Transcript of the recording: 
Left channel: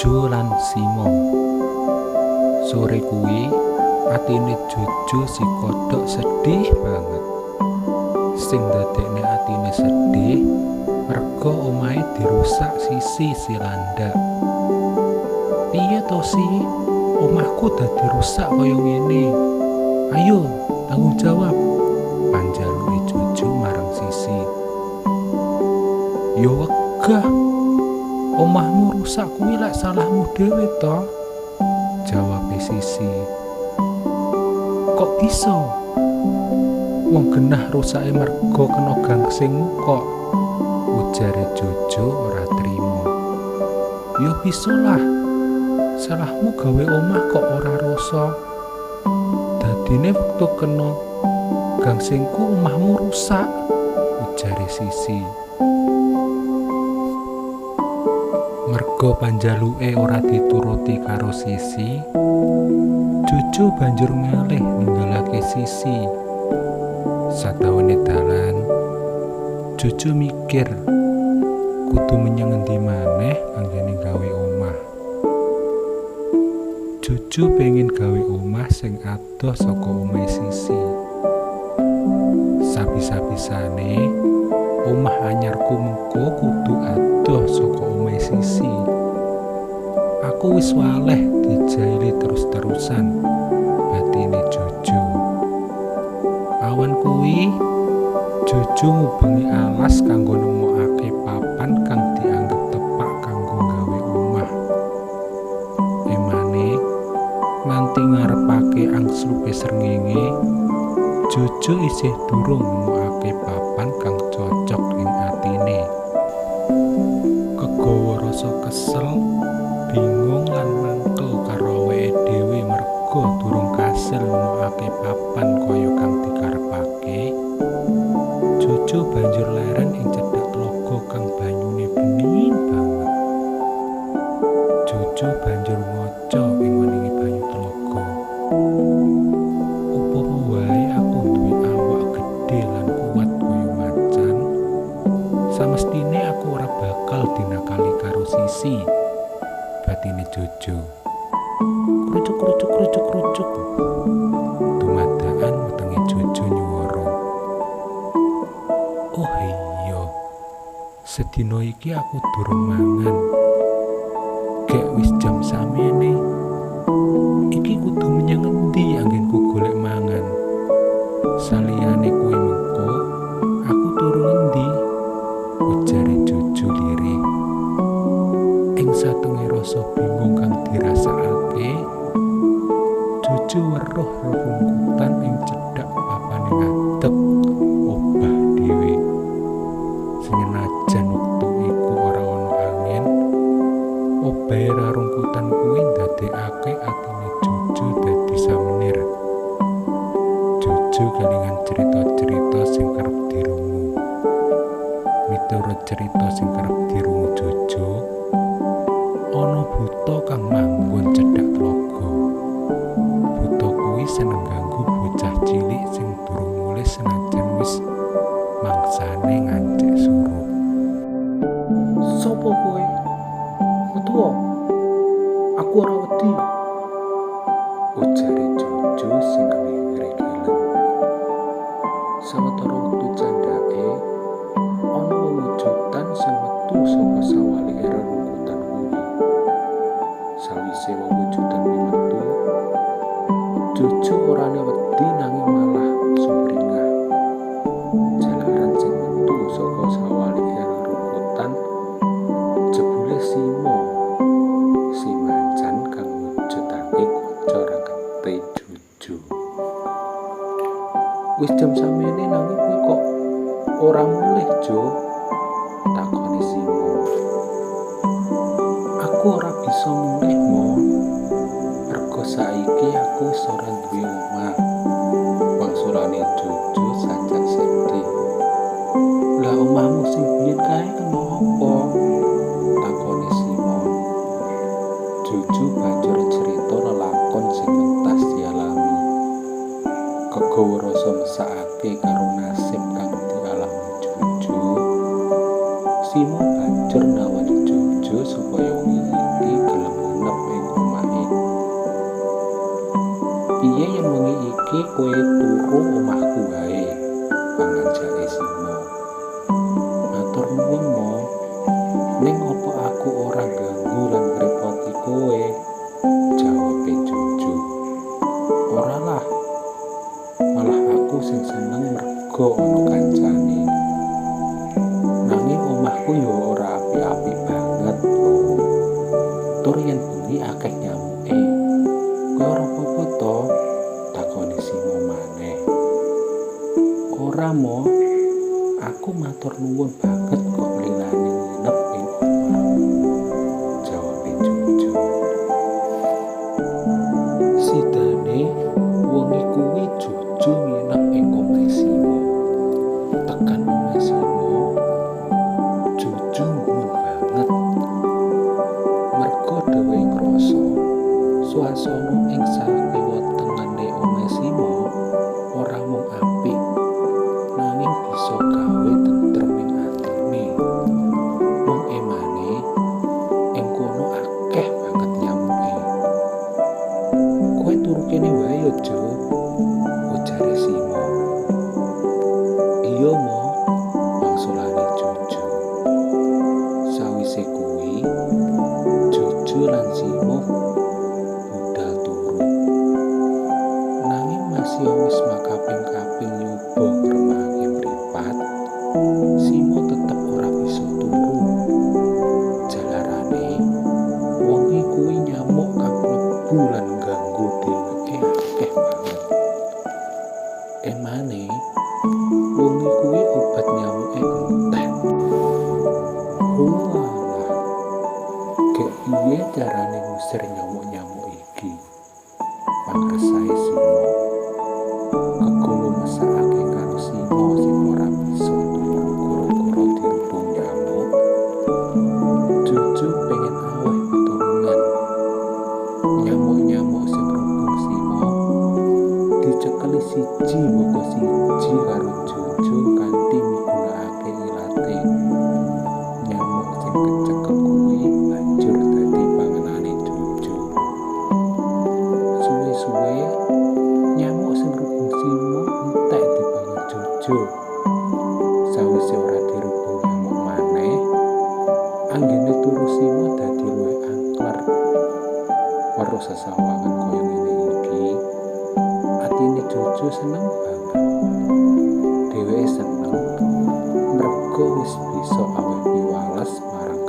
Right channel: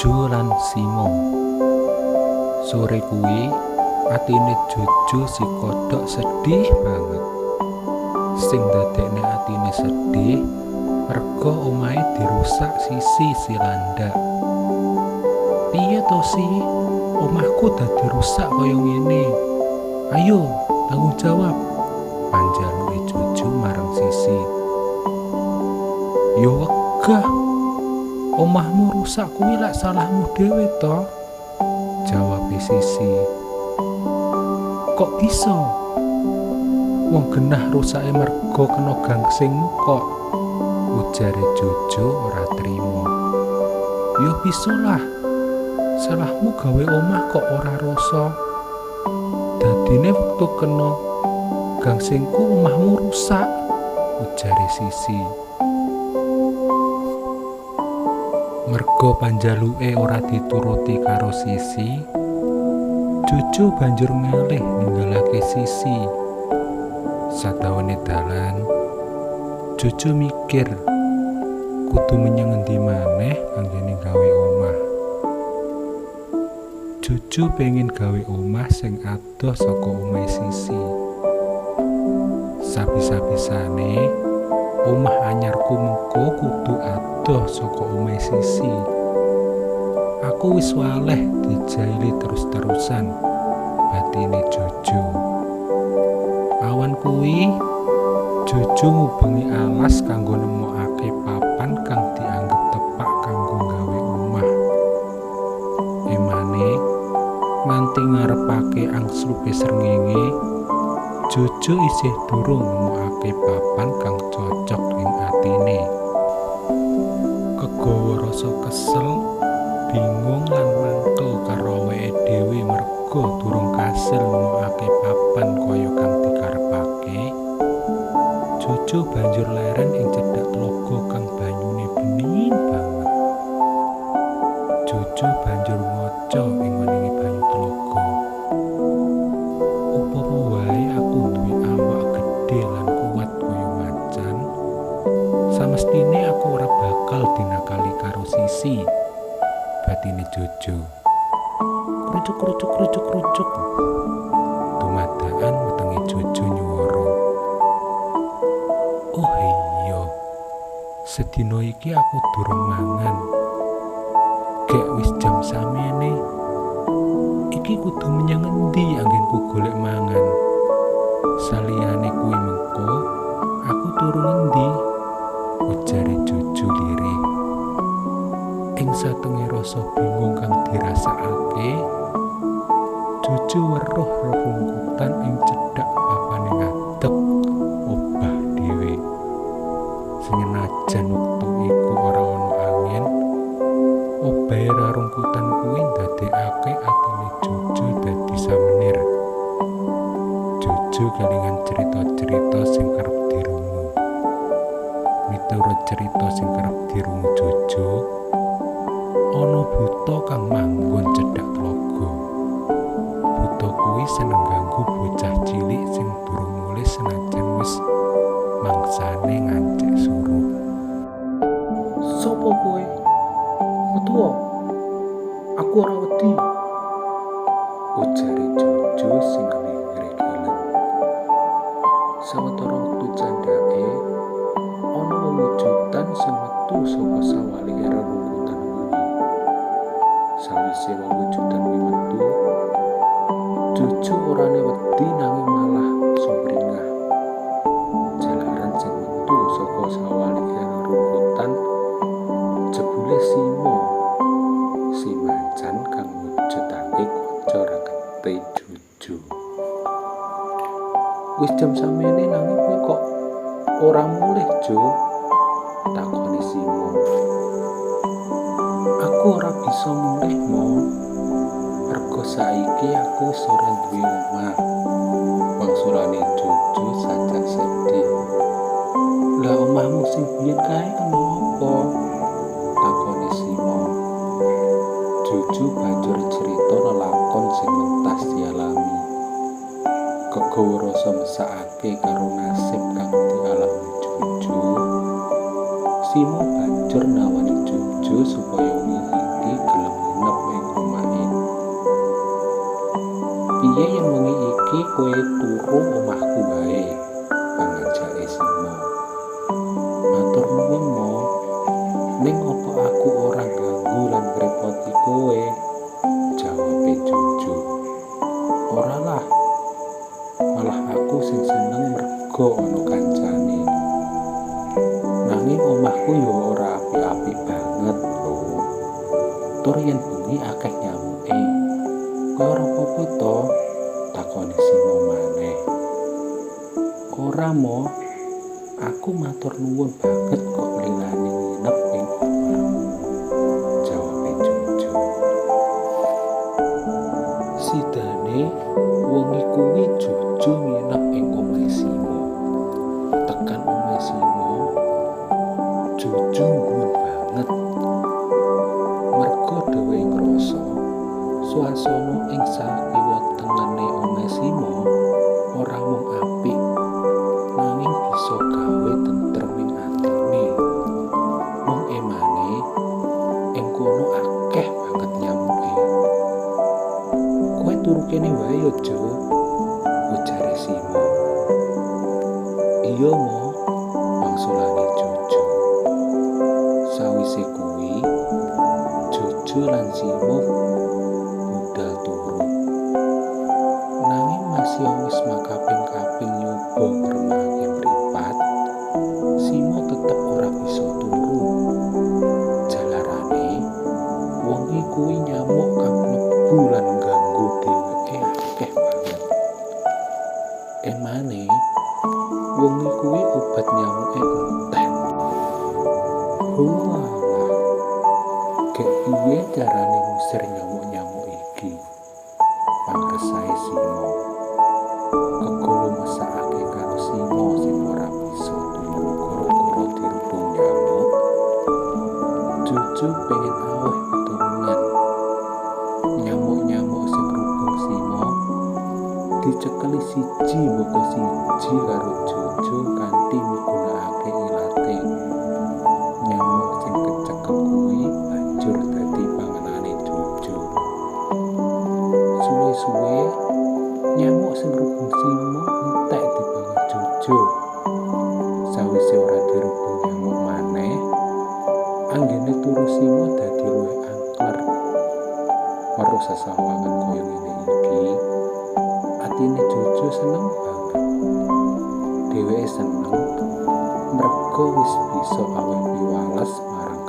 Jojo lan Simo. Sore kuwi atine Jojo si kodhok sedih banget. Sing ndadekne atine sedih merga omahe dirusak si landak. Piye to Si? Omahku dadi rusak kaya ngene. Ayo, tanggung jawab. Panjaluke Jojo marang Sisi. Yo wegah. Omahmu rusak kuwi lek salahmu dhewe to. Jawabe Sisi. Kok bisa? Wong genah rusake merga kena gangsingmu kok. Ujare Jojo ora trimo. Ya bisa lah. Salahmu gawe omah kok ora rasa. Dadine wektu kena gangsingku omahmu rusak. Ujare Sisi. Merga panjaluke ora dituruti karo Sisi, Jojo banjur ngalih ninggalake Sisi. Sadawane dalan, Jojo mikir kudu menyang endi maneh anggene gawe omah. Jojo pengen gawe omah sing adoh saka omahe Sisi. Sabi-sabisane omah anyarku mengko kudu adoh saka omahe Sisi. Aku wis waleh dijaili terus-terusan, batine Jojo. Awan kuwi Jojo ngubengi alas kanggo nemokake papan kang dianggep tepak kanggo gawe omah. Emane nganti ngarepake angslupe srengenge, Jojo isih durung nemokake papan kang cocok ing atine. Kegawa rasa kesel, bingung lan mangkel karo awake dhewe merga durung kasil nemokake papan kaya kang dikarepake. Jojo banjur leren ing cedhak tlaga kang banyune bening banget. Jojo banjur ngaca ing weninge banyu tlaga. Upama wae aku duwe awak gedhe lan kuat kaya macan, samestine aku ora bakal dinakali karo Sisi. Batine Jojo. Krucuk. Dumadakan wetenge Jojo nyuwara. Oh iya, sedina iki aku durung mangan. Gek wis jam samene. Iki kudu menyang endi anggenku golek mangan. Saliyane kuwi mengko, aku turu endi? Ujare Jojo lirih. Ing satenge rasa bingung kang dirasakake, Jojo weruh rerungkutan ing cedhak papane ngadeg obah dhewe. Senajan wektu iku ora ana angin, obahe rerungkutan kuwi ndadekake atine Jojo dadi samenir. Jojo kelingan cerita-cerita sing kerep dirungu. Miturut cerita sing kerep dirungu Jojo, ana buta kang manggon cedhak tlaga. Buta kuwi seneng ganggu bocah cilik sing durung mulih senajan wis mangsane ngancik suruh. Sopo kowe? Metuwa? Aku ora wedi. Ujare Jojo sing ngregelen. Sawetara wektu candhake ana wewujudan sing metu saka sawalike rerungkutan kuwi. Sawise wewujudan kuwi metu, Jojo orane wedi nanging malah sumringah. Jalaran sing metu saka sawalike rerungkutan jebule Simo, si macan kang mujudake kanca rakete Jojo. Wis jam samene nanging kowe kok ora mulih, Jo? Takoni Simo. Aku ora bisa mulih, Mo. Merga saiki aku wis ora duwe omah. Wangsulane Jojo sajak sedih. Lah omahmu sing biyen kae kenapa? Takoni Simo. Jojo banjur cerita lelakon sing mentas dialami. Kegawa rasa mesakake karo nasib kang dialami Jojo, Simo banjur nawani Jojo supaya wingi iki gelem kepiye yen wengi iki kowe turu omahku wae, panganjake Simo. Matur nuwun Mo, ning apa aku ora ganggu lan ngrepoti kowe? Jawabe Jojo. Ora lah, malah aku sing seneng merga ana kancane. Nanging omahku yo ora api-api banget lho. Tur yen bengi akeh nyamuke. Kowe ora apa-apa to? Takoni Simo maneh. Ora Mo, aku matur nuwun banget kok lilani nginep ing omahmu. Jawabe Jojo. Sidane wengi kuwi Jojo nginep ing omahe Simo. Tekan omahe Simo, Jojo nggumun banget. Merga dhewe ngrasa suasana ing sakiwa tengene omahe Simo ora mung apik, nanging bisa gawe tentrem ing atine. Wong emane ing kono akeh banget nyamuke. Kowe turu kene wae yo, Jo, ujare Simo. Iya Mo, wangsulane Jojo. Sawise kuwi, Jojo lan Simo budal turu. Nanging masih wis makaping-kaping nyoba ngremake mripat, Simo tetep ora bisa turu. Jalarane wengi kuwi nyamuk kang mlebu lan ngganggu dheweke akeh banget. Emane wengi kuwi obat nyamuke entek. Walah, gek piye carane ngusir nyamuk-nyamuk iki? Pangresahe Simo. Kegowo mesakake karo Simo sing ora bisa turu gara-gara dirubung nyamuk. Jojo pengen aweh pitulungan. Nyamuk-nyamuk sing rubung Simo dicekeli siji mboko siji karo Jojo kanthi migunakake ilate. Nyamuk sing kecekel kuwi banjur dadi panganane Jojo. Suwe-suwe nyamuk sing rubung Simo entek dipangan Jojo. Sawise ora dirubung nyamuk maneh, anggene turu Simo dadi luwih angker. Weruh sesawangan kaya ngene iki, atine Jojo seneng banget. Dheweke seneng merga wis bisa aweh piwales marang